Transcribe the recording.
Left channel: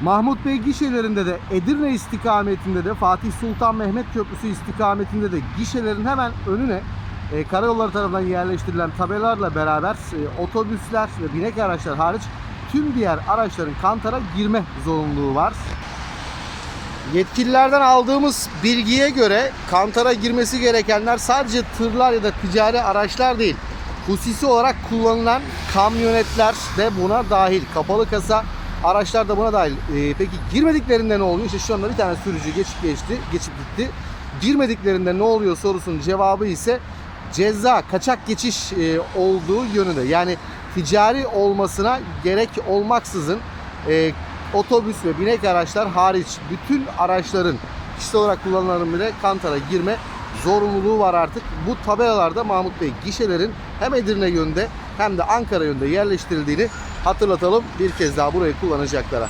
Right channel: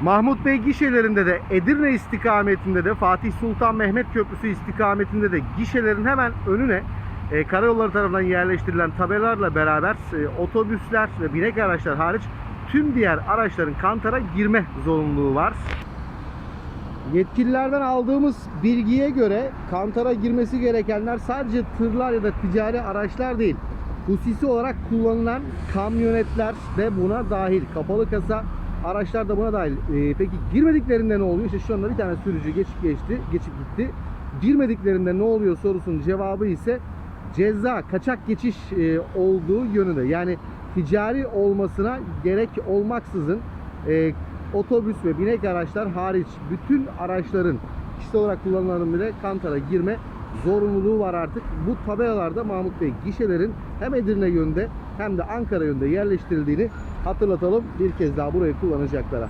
Mahmut Bey gişelerinde de Edirne istikametinde de Fatih Sultan Mehmet Köprüsü istikametinde de gişelerin hemen önüne e, karayolları tarafından yerleştirilen tabelalarla beraber e, otobüsler ve binek araçlar hariç tüm diğer araçların kantara girme zorunluluğu var. Yetkililerden aldığımız bilgiye göre kantara girmesi gerekenler sadece tırlar ya da ticari araçlar değil. Hususi olarak kullanılan kamyonetler de buna dahil. Kapalı kasa araçlar da buna dahil. Ee, peki girmediklerinde ne oluyor? İşte şu anda bir tane sürücü geçip geçti, geçip gitti. Girmediklerinde ne oluyor sorusunun cevabı ise ceza, kaçak geçiş e, olduğu yönünde. Yani ticari olmasına gerek olmaksızın e, otobüs ve binek araçlar hariç bütün araçların kişisel olarak kullanılanların bile kantara girme zorunluluğu var artık. Bu tabelalarda Mahmut Bey gişelerin hem Edirne yönünde hem de Ankara yönünde yerleştirildiğini hatırlatalım bir kez daha burayı kullanacaklara.